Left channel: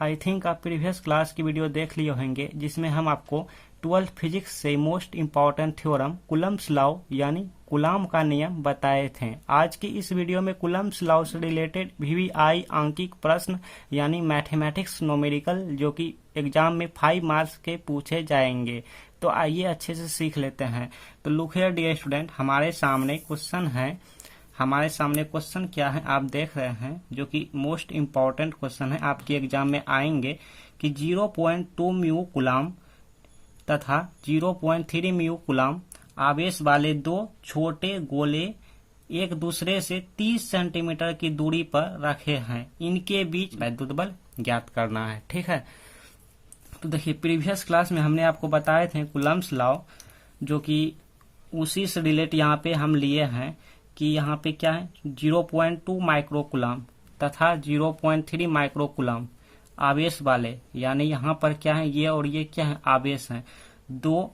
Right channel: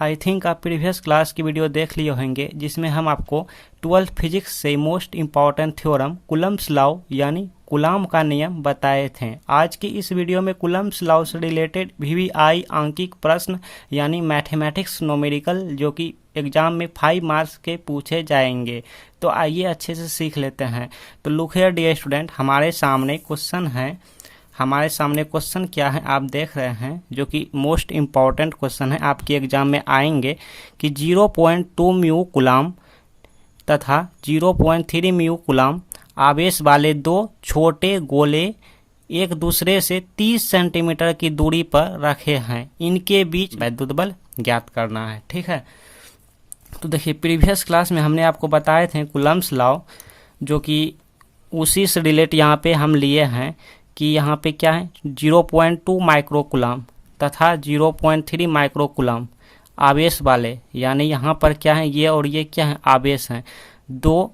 I think आप previous class की video देख लिए होंगे जिसमें हम आपको 12th फिजिक्स से मोस्ट इम्पॉर्टेंट थ्योरम कुलम्ब्स लॉ यानी कूलॉम का नियम बताए थे। आज की इस वीडियो में कुलम्ब्स लॉ से रिलेटेड VVI आंकिक प्रश्न यानी मैथमेटिक्स न्यूमेरिकल जो कि एग्जाम में 5 मार्क्स के पूछे जाएंगे। तो आइए अच्छे से सीख लेते हैं। तो लुक हियर डियर स्टूडेंट, हमारे सामने क्वेश्चन क्या है आप देख रहे हैं, जो कि मोस्ट इम्पॉर्टेंट क्वेश्चन है, आपके एग्जाम में आएंगे कि 0.2 म्यू कूलॉम तथा 0.3 म्यू कूलॉम आवेश वाले दो छोटे गोले एक दूसरे से 30 सेंटीमीटर की दूरी पर रखे हैं, इनके बीच वैद्युत बल ज्ञात करना है। ठीक है, तो देखिए प्रीवियस क्लास में हमने आपको बताए थे कुलम्ब्स लॉ, जो कि उसी से रिलेट यहाँ पे हम लिए हैं कि यहाँ पे क्या है 0.2 माइक्रो कूलॉम तथा 0.3 माइक्रो कूलॉम आवेश वाले, यानी यहाँ पर क्या है ये और ये क्या है आवेश हैं, दो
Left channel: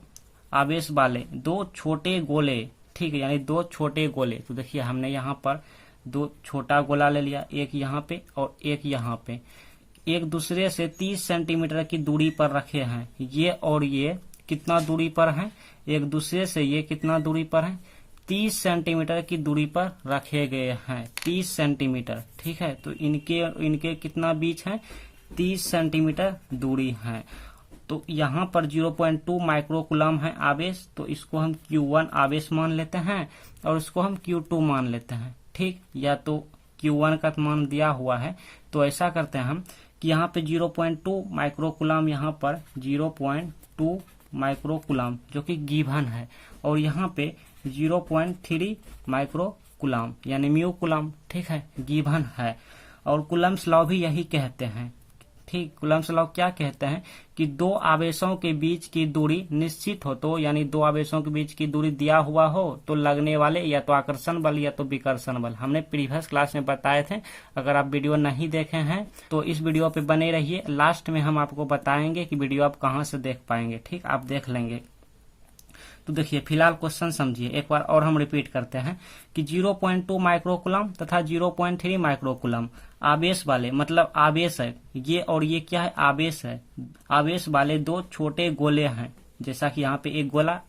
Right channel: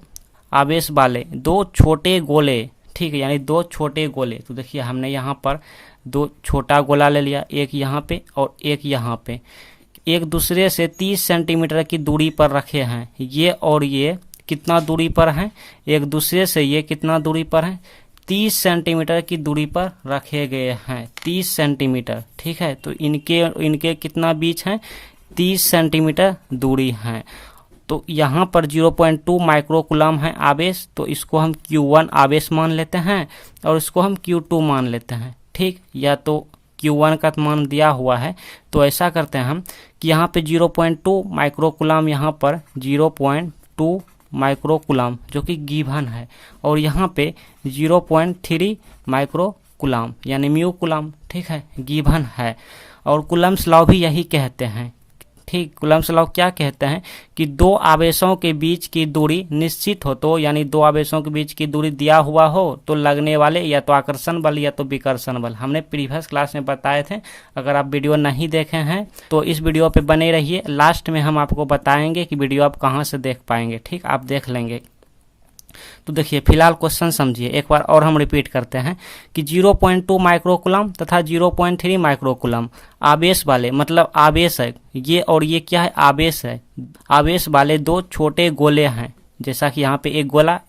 आवेश वाले दो छोटे गोले। ठीक है, यानी दो छोटे गोले। तो देखिए हमने यहाँ पर दो छोटा गोला ले लिया, एक यहाँ पे और एक यहाँ पे, एक दूसरे से 30 सेंटीमीटर की दूरी पर रखे हैं। ये और ये कितना दूरी पर हैं, एक दूसरे से ये कितना दूरी पर हैं, 30 सेंटीमीटर की दूरी पर रखे गए हैं, 30 सेंटीमीटर। ठीक है, तो इनके कितना बीच हैं, 30 सेंटीमीटर दूरी है। तो यहाँ पर 0.2 माइक्रो कूलॉम है आवेश, तो इसको हम Q1 आवेश मान लेते हैं और इसको हम Q2 मान लेते हैं। ठीक, या तो Q1 का मान दिया हुआ है, तो ऐसा करते हैं हम कि यहाँ पे 0.2 माइक्रो कूलॉम, यहाँ पर 0.2 माइक्रो कूलॉम जो कि गिवन है, और यहाँ पे 0.3 माइक्रो कूलॉम यानी म्यू कूलॉम। ठीक है, गिवन है, और कुलम्ब्स लॉ भी यही कहते हैं। ठीक, कुलम्ब्स लॉ क्या कहते हैं कि दो आवेशों के बीच की दूरी निश्चित हो, तो यानी दो आवेशों के बीच की दूरी दिया हुआ हो तो लगने वाले या तो आकर्षण बल या तो विकर्षण बल हमने प्रीवियस क्लास में बताए थे। अगर आप वीडियो नहीं देखे हैं तो इस वीडियो पे बने रहिए, लास्ट में हम आपको बताएंगे कि वीडियो आप कहाँ से देख पाएंगे। ठीक, आप देख लेंगे। तो देखिए फिलहाल क्वेश्चन समझिए, एक बार और हम रिपीट करते हैं कि 0.2 माइक्रो कूलॉम तथा 0.3 माइक्रो कूलॉम आवेश वाले, मतलब आवेश है ये और ये क्या है आवेश है, आवेश वाले दो छोटे गोले हैं। जैसा कि यहाँ पे एक गोला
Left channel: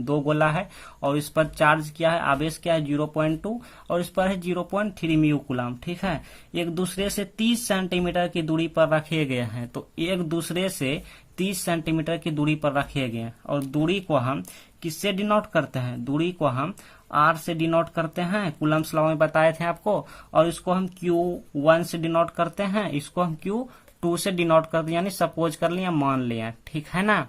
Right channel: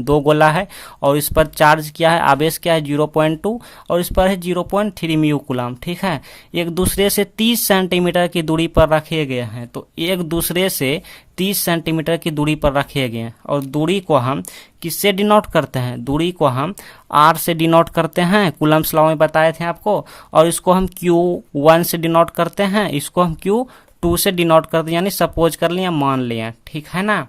दो गोला है, और इस पर चार्ज क्या है आवेश क्या है 0.2 और इस पर है 0.3 म्यू कूलॉम। ठीक है, एक दूसरे से 30 सेंटीमीटर की दूरी पर रखे गए हैं। तो एक दूसरे से 30 सेंटीमीटर की दूरी पर रखे गए हैं, और दूरी को हम किससे डिनोट करते हैं, दूरी को हम R से डिनोट करते हैं, कूलम्ब्स लॉ में बताए थे आपको, और इसको हम Q1 से डिनोट करते हैं, इसको हम Q2 से डिनोट करते हैं, यानी सपोज कर लिया मान लिया। ठीक है ना।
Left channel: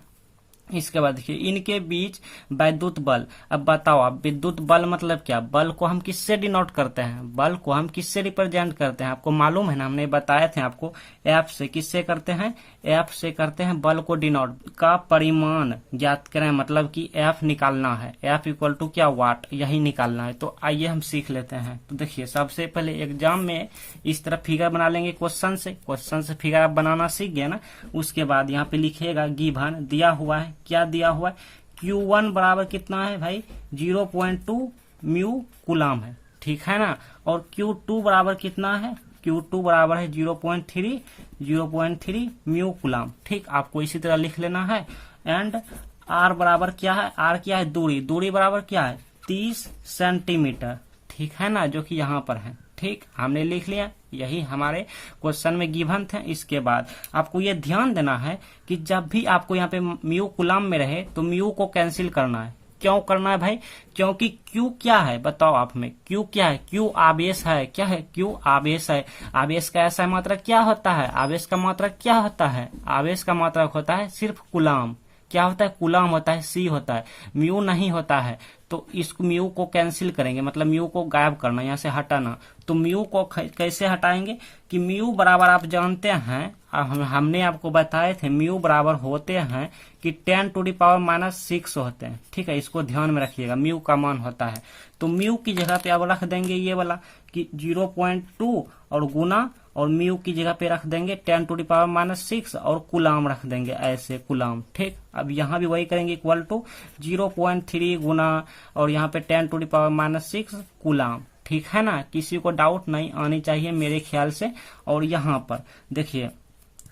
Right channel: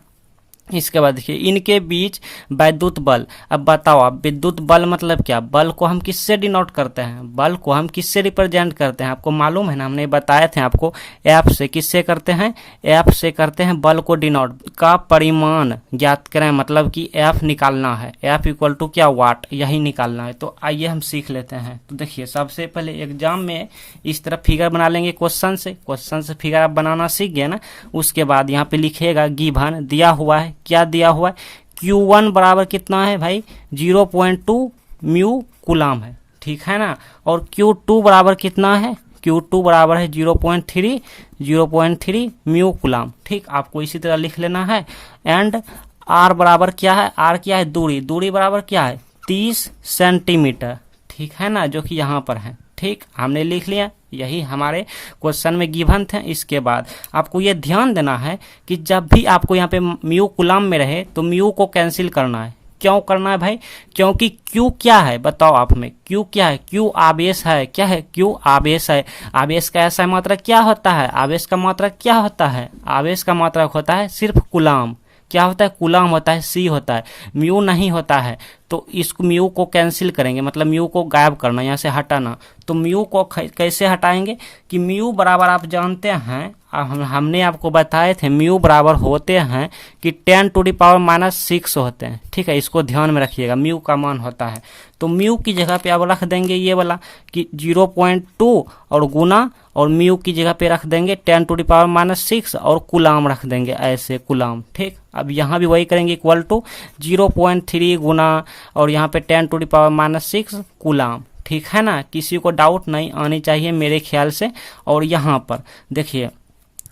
इसके बाद देखिए इनके बीच वैद्युत बल। अब बताओ आप, विद्युत बल मतलब क्या, बल को हम किससे डिनोट करते हैं, बल को हम किससे रिप्रेजेंट करते हैं, आपको मालूम है ना, हमने बताए थे आपको F से किससे करते हैं, F से करते हैं बल को डिनोट, का परिमाण ज्ञात करें, मतलब कि F निकालना है, F इक्वल टू क्या वाट, यही निकालना है। तो आइए हम सीख लेते हैं। तो देखिए सबसे पहले एग्जाम में इस तरह फिगर बना लेंगे, क्वेश्चन से फिगर आप बनाना सीख गए ना। उसके बाद यहाँ पे लिखेगा गिवन, दिया हुआ है, क्या दिया हुआ है, Q1 बराबर कितना है भाई 0.2 म्यू कूलॉम है। ठीक है ना, और Q2 बराबर कितना है, Q2 बराबर है 0.3 म्यू कूलॉम। ठीक, आपको इसी तरह लिख लेना है। एंड R बराबर क्या है, R क्या है दूरी बराबर क्या है 30 सेंटीमीटर। ठीक है ना, जो कि यहाँ पर है। ठीक, हमने लिख लिया, यही हमारे क्वेश्चन में गिवन थे। इसके बाद आपको ये ध्यान देना है कि जब भी आपको यहाँ पे म्यू कूलॉम में रहे तो म्यू को कैंसिल करना है। क्यों करना है भाई, क्योंकि Q क्या है बताओ आप में, Q क्या है, Q आवेश है, क्या है Q आवेश है। आवेश का ऐसा मात्रक क्या होता है, आवेश का मात्रक क्या होता है, आवेश का मात्रक होता है सिर्फ कूलॉम। क्या होता है, कूलॉम होता है, C होता है, म्यू नहीं होता है। तो इस म्यू को कैंसिल करेंगे, मतलब म्यू को गायब करना, यहाँ से हटाना। तो म्यू को कैसे हटाएंगे कि म्यू बराबर आप जानते हैं, हमने आपको बताए थे म्यू बराबर होते हैं कि 10⁻⁻⁶ होते हैं। ठीक है, इसको ध्यान में रखिएगा, म्यू का मान होता है। तो म्यू की जगह पे अब रख देंगे ये वाला कि 0.2 और गुना, और म्यू की जगह पे रख देंगे 10⁻⁻⁶ और कूलॉम रख देंगे ऐसे कूलॉम। ठीक, अब यहाँ भी वही करेंगे, इक्वल टू 0.3 गुना और यहाँ पे 10⁻⁻⁶ कूलॉम। ठीक है ना, किसी को डाउट नहीं आनी चाहिए मेरे ख्याल से। और यहाँ पर देखिए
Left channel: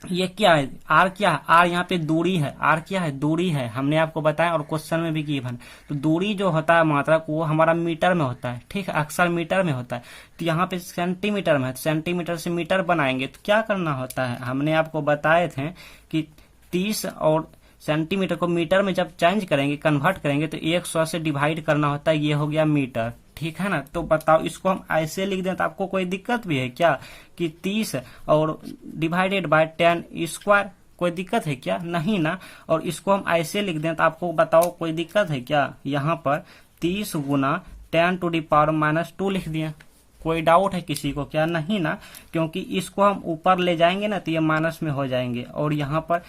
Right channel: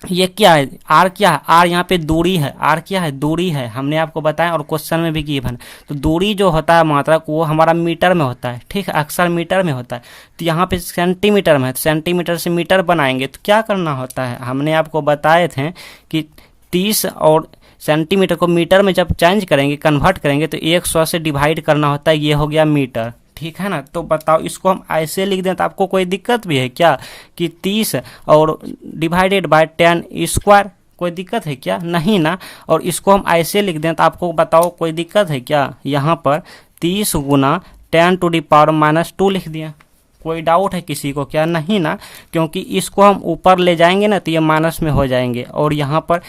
ये क्या है, आर क्या है, आर यहाँ पे दूरी है, आर क्या है, दूरी है, हमने आपको बताया और क्वेश्चन में भी गिवन। तो दूरी जो होता है मात्रक वो हमारा मीटर में होता है, ठीक है, अक्सर मीटर में होता है। तो यहाँ पे सेंटीमीटर में है, तो सेंटीमीटर से मीटर बनाएंगे तो क्या करना होता है, हमने आपको बताए थे कि 30 और सेंटीमीटर को मीटर में जब चेंज करेंगे, कन्वर्ट करेंगे, तो 100 से डिवाइड करना होता है, ये हो गया मीटर, ठीक है ना। तो बताओ इसको हम ऐसे लिख दें तो आपको कोई दिक्कत भी है क्या, कि 30 और डिवाइडेड बाय 10 स्क्वायर, कोई दिक्कत है क्या, नहीं ना। और इसको हम ऐसे लिख दें तो आपको बताओ कोई दिक्कत है क्या, यहाँ पर 30 गुना 10⁻⁻² लिख दिया, कोई डाउट है किसी को क्या, नहीं ना, क्योंकि इसको हम ऊपर ले जाएंगे ना तो ये माइनस में हो जाएंगे, और यहाँ पर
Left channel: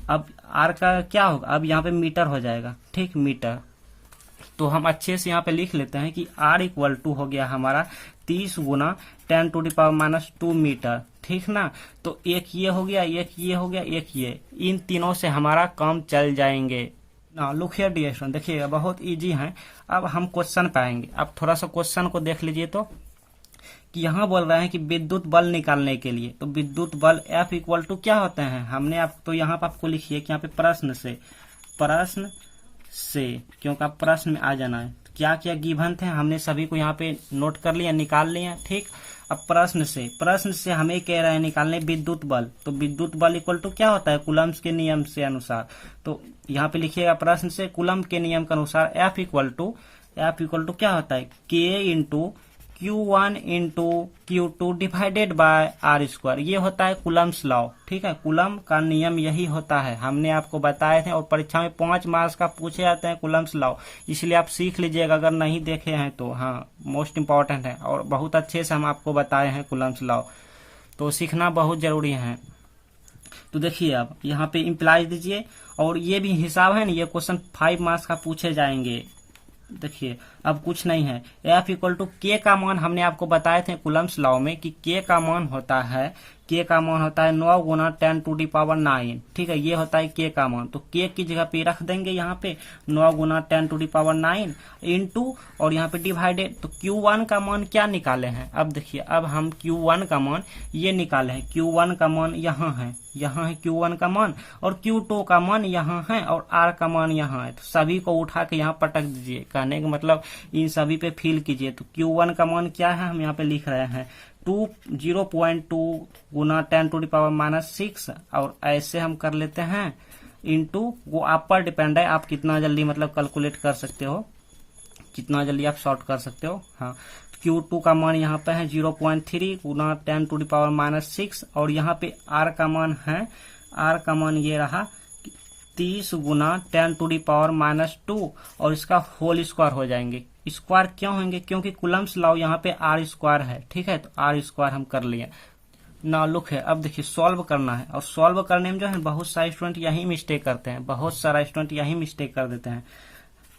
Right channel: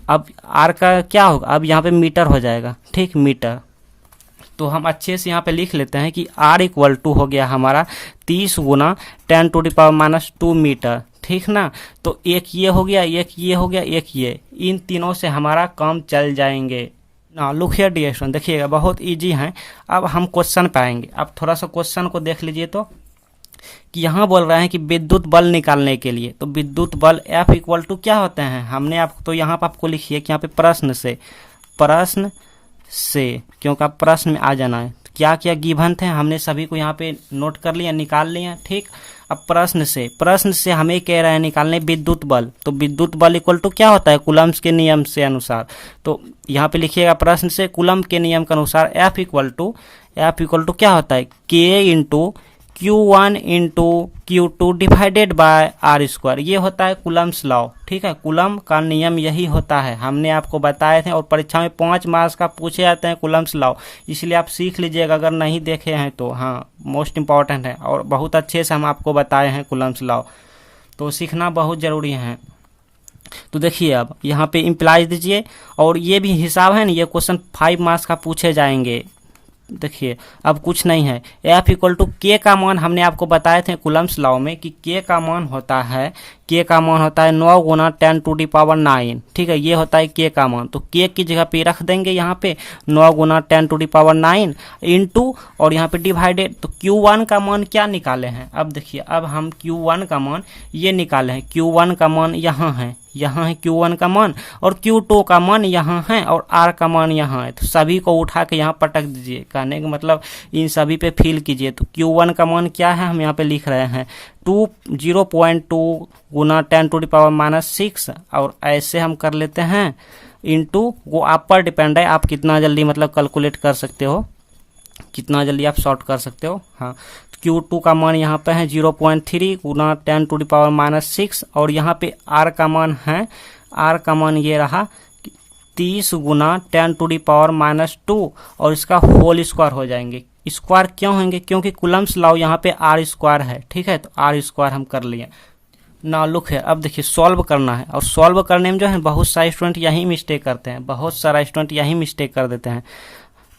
अब आर का क्या होगा, अब यहाँ पे मीटर हो जाएगा, ठीक, मीटर। तो हम अच्छे से यहाँ पे लिख लेते हैं कि R इक्वल टू हो गया हमारा 30 गुना 10⁻⁻² मीटर, ठीक ना। तो एक ये हो गया, एक ये हो गया, एक ये, इन तीनों से हमारा काम चल जाएंगे ना। लुक हियर डियर स्टूडेंट, देखिएगा बहुत इजी है। अब हम क्वेश्चन पे आएंगे, अब थोड़ा सा क्वेश्चन को देख लीजिए। तो कि यहाँ बोल रहे हैं कि विद्युत बल निकालने के लिए, तो विद्युत बल F इक्वल टू क्या होते हैं, हमने आपको, तो यहाँ पर आपको लिखिए कि यहाँ पे प्रश्न से क्योंकि आप प्रश्न में आ जाना है, क्या क्या गिवन थे हमने सभी को यहाँ पे नोट कर लिया, निकाल लिया, ठीक। अब प्रश्न से हमें कह रहे हैं निकालने विद्युत बल, तो विद्युत बल इक्वल टू क्या होता है, कूलम्ब के नियम से अनुसार। तो यहाँ पे लिखिएगा प्रश्न से कूलम्ब के नियम के अनुसार F इक्वल टू क्या होता है, K into Q1 into Q2 divided by R square, ये होता है कूलम्ब्स लॉ, ठीक है, कूलम्ब का नियम यही होता है, हमने आपको बताए थे, और परीक्षा में 5 मार्क्स का पूछे जाते हैं कूलम्ब्स लॉ, इसलिए आप सीख लीजिएगा अगर नहीं देखे हैं तो, हाँ मोस्ट इंपॉर्टेंट है, और बहुत अच्छे से हम आपको बताए हैं कूलम्ब्स लॉ, तो सीखना बहुत ज़रूरी है। तो देखिए अब यहाँ पे इम्प्लाइज दीजिए, और ये भी हिसाब है ना, ये क्वेश्चन 5 मार्क्स का पूछे जाएंगे। देखिए अब कुछ नहीं है, F इक्वल टू के का मान हमने आपको बताए थे कूलम्ब्स लॉ में कि के का मान होता है 9 गुना 10⁹, ठीक है, ये होता है के का मान। तो के की जगह पे रख देंगे यहाँ पे 9 गुना 10⁹ इंटू, और यहाँ पे डिवाइडेड। तो Q1 का मान क्या निकाले हैं, अब देखिए, अब हम Q1 का मान ये निकाले हैं, Q1 का मान यहाँ है Q1 का मान, और Q2 का मान यहाँ है, और R का मान यहाँ है। तो सभी को उठा के यहाँ पटक दीजिए, कहने का मतलब इन सभी पे फिल कीजिए। तो Q1 का मान क्या है, हम यहाँ पे लिख रहे हैं 0.2 गुना 10⁻⁻6, और ऐसे हम कर लेते हैं इंटू, वो आप पर डिपेंड है, आप कितना जल्दी मतलब कैलकुलेट कर सकते हो, कितना जल्दी आप सॉर्ट कर सकते हो। हाँ, Q2 का मान यहाँ पे है 0.3 गुना 10⁻⁻6, और यहाँ पे R का मान है, R का मान ये रहा 30 गुना 10⁻⁻2, और इसका होल स्क्वायर हो जाएंगे। स्क्वायर क्यों होंगे, क्योंकि कूलम्ब्स लॉ यहाँ पे R स्क्वायर है, ठीक है, तो R स्क्वायर हम कर लिए ना। लुक है, अब देखिए सॉल्व करना है, और सॉल्व करने में जो है बहुत सारे स्टूडेंट यही मिस्टेक करते हैं, बहुत सारा स्टूडेंट यही मिस्टेक कर देते हैं।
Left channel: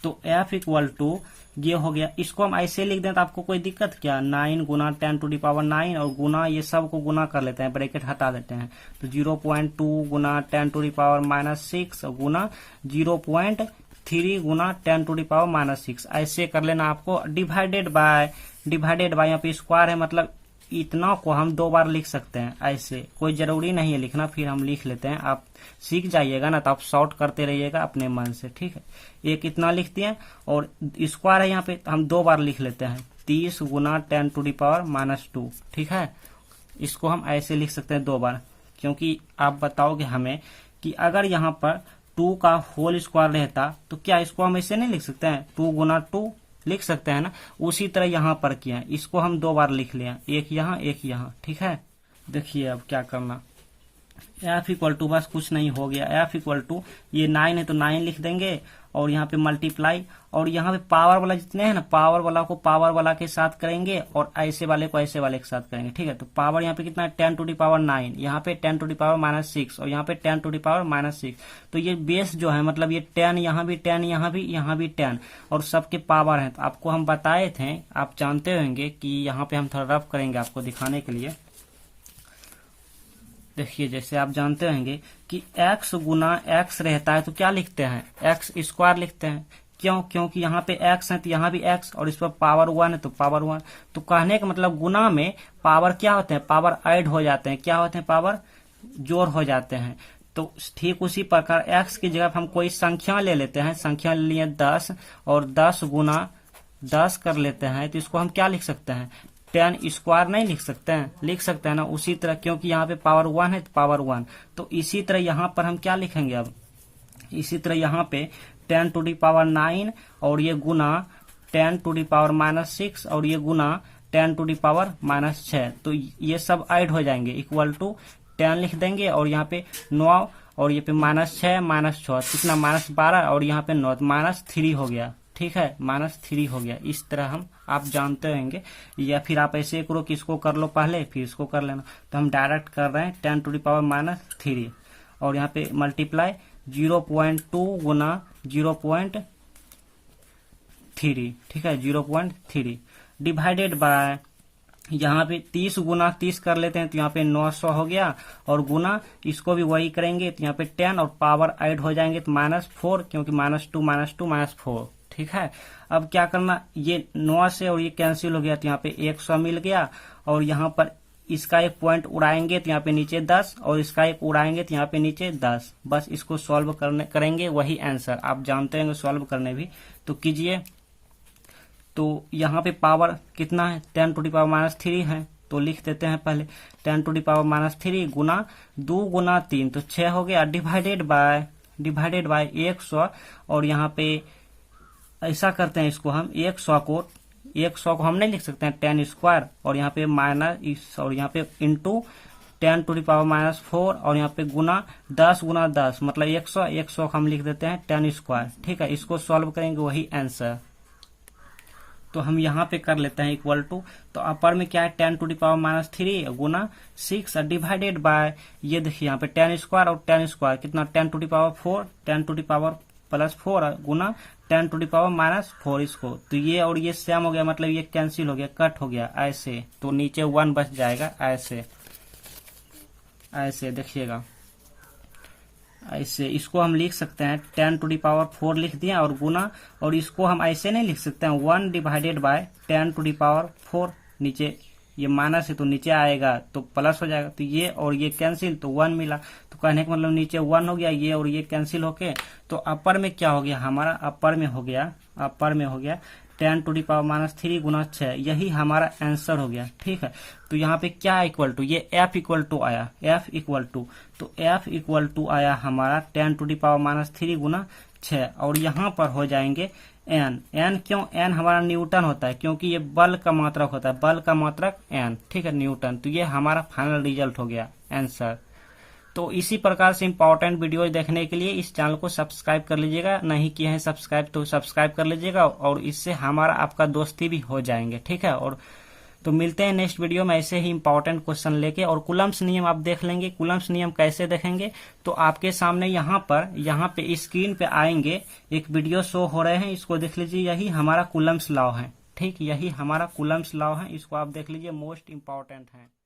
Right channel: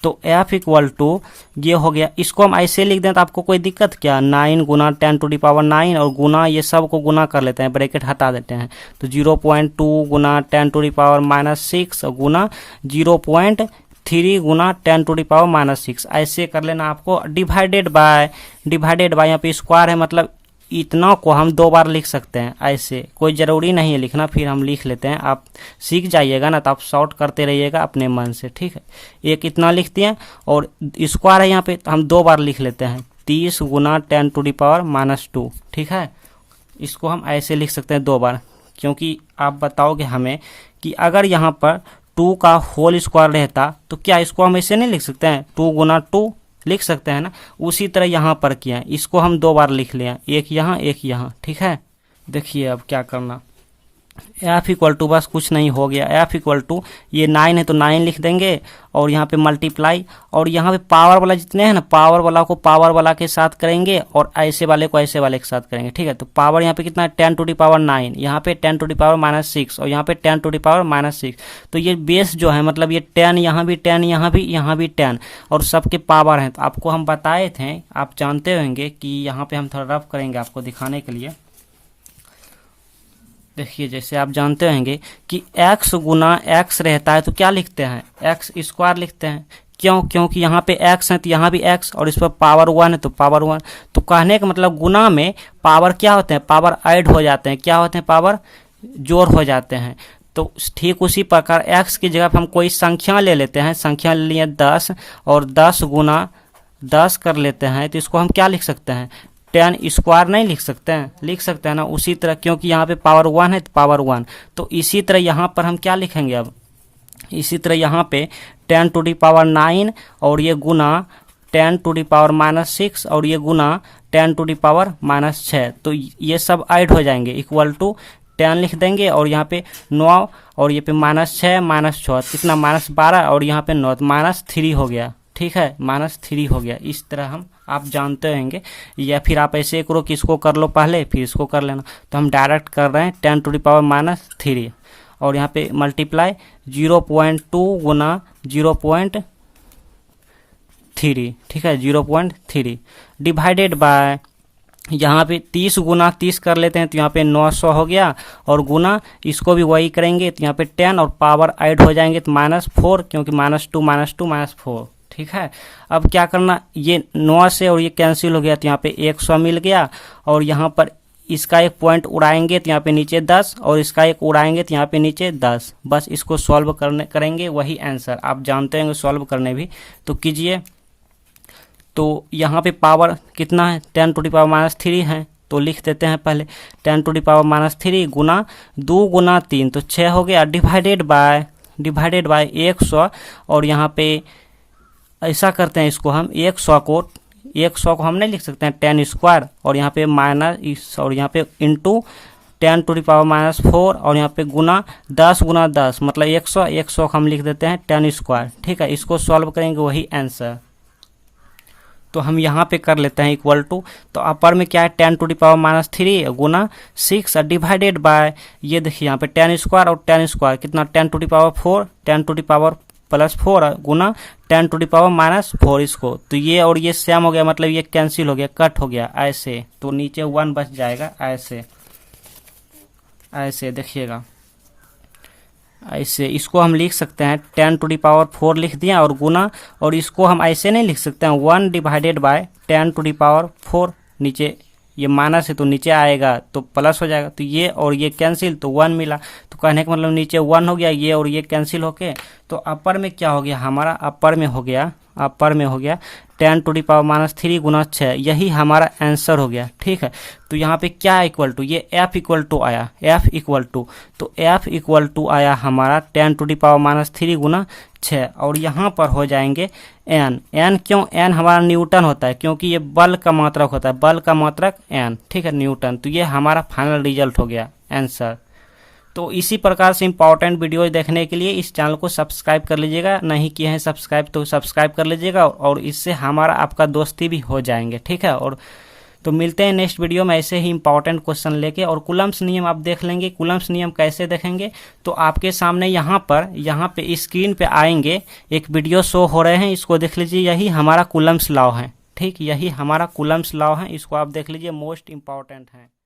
तो F इक्वल टू ये हो गया, इसको हम ऐसे लिख दें तो आपको कोई दिक्कत क्या, 9 गुना 10⁹, और गुना ये सब को गुना कर लेते हैं, ब्रैकेट हटा देते हैं। तो 0.2 गुना 10⁻⁻6 गुना 0.3 गुना 10⁻⁻6, ऐसे कर लेना आपको, डिवाइडेड बाय यहाँ पे स्क्वायर है, मतलब इतना को हम 2 बार लिख सकते हैं, ऐसे कोई ज़रूरी नहीं है लिखना, फिर हम लिख लेते हैं, आप सीख जाइएगा ना, तो आप शॉर्ट करते रहिएगा अपने मन से, ठीक है। एक इतना लिखते हैं, और स्क्वायर है यहाँ पे, तो हम 2 बार लिख लेते हैं, 30 गुना 10⁻⁻2, ठीक है। इसको हम ऐसे लिख सकते हैं 2 बार, क्योंकि आप बताओगे हमें कि अगर यहाँ पर 2 का होल स्क्वायर रहता तो क्या इसको हम ऐसे नहीं लिख सकते हैं, 2 गुना 2 लिख सकते हैं ना, उसी तरह यहाँ पर किया, इसको हम 2 बार लिख लिया, एक यहाँ, ठीक है। देखिए अब क्या करना, F इक्वल टू, बस कुछ नहीं हो गया, F इक्वल टू ये 9 है तो 9 लिख देंगे, और यहाँ पे मल्टीप्लाई, और यहाँ पे पावर वाला जितने हैं ना, पावर वाला को पावर वाला के साथ करेंगे, और ऐसे वाले को ऐसे वाले के साथ करेंगे, ठीक है। तो पावर यहाँ पे कितना है 10⁻9, यहाँ पे 10⁻6, और यहाँ पे 10⁻6। तो ये बेस जो है, मतलब ये 10 यहाँ भी 10, यहाँ भी 10, और सबके पावर हैं। तो आपको हम बताए थे, आप जानते होंगे कि यहाँ पे हम थोड़ा रफ करेंगे आपको दिखाने के लिए। देखिए जैसे आप जानते होंगे कि x गुना x रहता है तो क्या लिखते हैं, x स्क्वायर लिखते हैं, क्यों, क्योंकि यहाँ पे x है तो यहाँ भी x, और इस पर पावर 1 है तो पावर 1। तो कहने का मतलब गुना में पावर क्या होते हैं, पावर ऐड हो जाते हैं, क्या होते हैं, पावर जोड़ हो जाते हैं। तो ठीक उसी प्रकार x की जगह पर हम कोई संख्या ले लेते हैं, संख्या ले लिए 10 और 10 गुना 10 कर लेते हैं, तो इसको हम क्या लिख सकते हैं, 10 स्क्वायर नहीं लिख सकते हैं, लिख सकते हैं ना। उसी तरह क्योंकि यहाँ पे पावर 1 है तो पावर 1, तो इसी तरह यहाँ पर हम क्या लिखेंगे अब, इसी तरह यहाँ पे 10 टू दी पावर 9 और ये गुना 10 टू दी पावर -6 और ये गुना 10 टू दी पावर -6, तो ये सब ऐड हो जाएंगे इक्वल टू 10 लिख देंगे और यहाँ पे 9 और ये पे -6 -6 कितना -12 और यहाँ पे 9 -3 हो गया, ठीक है, -3 हो गया। इस तरह हम आप जानते होंगे, या फिर आप ऐसे करो कि इसको कर लो पहले फिर इसको कर लेना। तो हम डायरेक्ट कर रहे हैं 10 टू दी पावर -3 और यहाँ पे मल्टीप्लाई 0.2 गुना 0.3, ठीक है, 0.3 डिवाइडेड बाय, यहाँ पे 30 गुना 30 कर लेते हैं तो यहाँ पे 900 हो गया और गुना इसको भी वही करेंगे तो यहाँ पे 10 और पावर ऐड हो जाएंगे तो -4, क्योंकि -2 -4, ठीक है। अब क्या करना, ये 9 से और ये कैंसिल हो गया तो यहाँ पे 100 मिल गया और यहाँ पर इसका एक पॉइंट उड़ाएंगे तो यहाँ पे नीचे 10 और इसका एक उड़ाएंगे तो यहाँ पे नीचे 10, बस इसको सॉल्व करेंगे वही आंसर आप जानते होंगे सॉल्व करने भी, तो कीजिए। तो यहाँ पे पावर कितना है, 10 टू दी पावर -3 है, तो लिख देते हैं पहले 10 टू दी पावर -3 गुना 2 गुना 3 तो 6 हो गया, डिवाइडेड बाय 100 और यहाँ पे ऐसा करते हैं इसको हम 100 को हम नहीं लिख सकते हैं 10 स्क्वायर और यहाँ पे माइनस और यहाँ पे इंटू 10 टू दी पावर -4 और यहाँ पे गुना 10 गुना 10 मतलब 100 को हम लिख देते हैं 10 स्क्वायर, ठीक है। इसको सॉल्व करेंगे वही आंसर, तो हम यहाँ पे कर लेते हैं इक्वल टू, तो अपर में क्या है 10 टू दी पावर -3 गुना 6 डिवाइडेड बाय, ये देखिए यहाँ पे 10 स्क्वायर और 10 स्क्वायर कितना 10 to the power 4, 10 to the power +4 गुना 10 टू दी पावर -4 इसको, तो ये और ये सेम हो गया मतलब ये कैंसिल हो गया, कट हो गया ऐसे, तो नीचे 1 बच जाएगा ऐसे देखिएगा ऐसे। इसको हम लिख सकते हैं 10 टू दी पावर 4 लिख दिया और गुना, और इसको हम ऐसे नहीं लिख सकते हैं 1 divided by 10 to the power 4, नीचे ये माइनस है तो नीचे आएगा तो प्लस हो जाएगा, तो ये और ये कैंसिल तो 1 मिला, तो कहने का मतलब नीचे 1 हो गया, ये और ये कैंसिल होके, तो अपर में क्या हो गया हमारा, अपर में हो गया 10 टू दी पावर -3 गुना 6, यही हमारा आंसर हो गया, ठीक है। तो यहाँ पे क्या इक्वल टू, ये f इक्वल टू आया, तो f इक्वल टू आया हमारा 10 टू दी पावर -3 गुना 6 और यहाँ पर हो जाएंगे n क्यों, n हमारा न्यूटन होता है क्योंकि ये बल का मात्रक होता है, बल का मात्रक n, ठीक है, न्यूटन। तो ये हमारा फाइनल रिजल्ट हो गया आंसर। तो इसी प्रकार से इंपॉर्टेंट वीडियो देखने के लिए इस चैनल को सब्सक्राइब कर लीजिएगा, नहीं किए हैं सब्सक्राइब तो सब्सक्राइब कर लीजिएगा और इससे हमारा आपका दोस्ती भी हो जाएंगे, ठीक है। और तो मिलते हैं नेक्स्ट वीडियो में ऐसे ही इंपॉर्टेंट क्वेश्चन लेके। और कूलम्ब्स नियम आप देख लेंगे, कूलम्ब्स नियम कैसे देखेंगे, तो आपके सामने यहाँ पे स्क्रीन पे आएंगे एक वीडियो शो हो रहे हैं, इसको देख लीजिए, यही हमारा कूलम्ब्स लॉ है, ठीक, यही हमारा कूलम्ब्स लॉ है, इसको आप देख लीजिए, मोस्ट इंपॉर्टेंट है।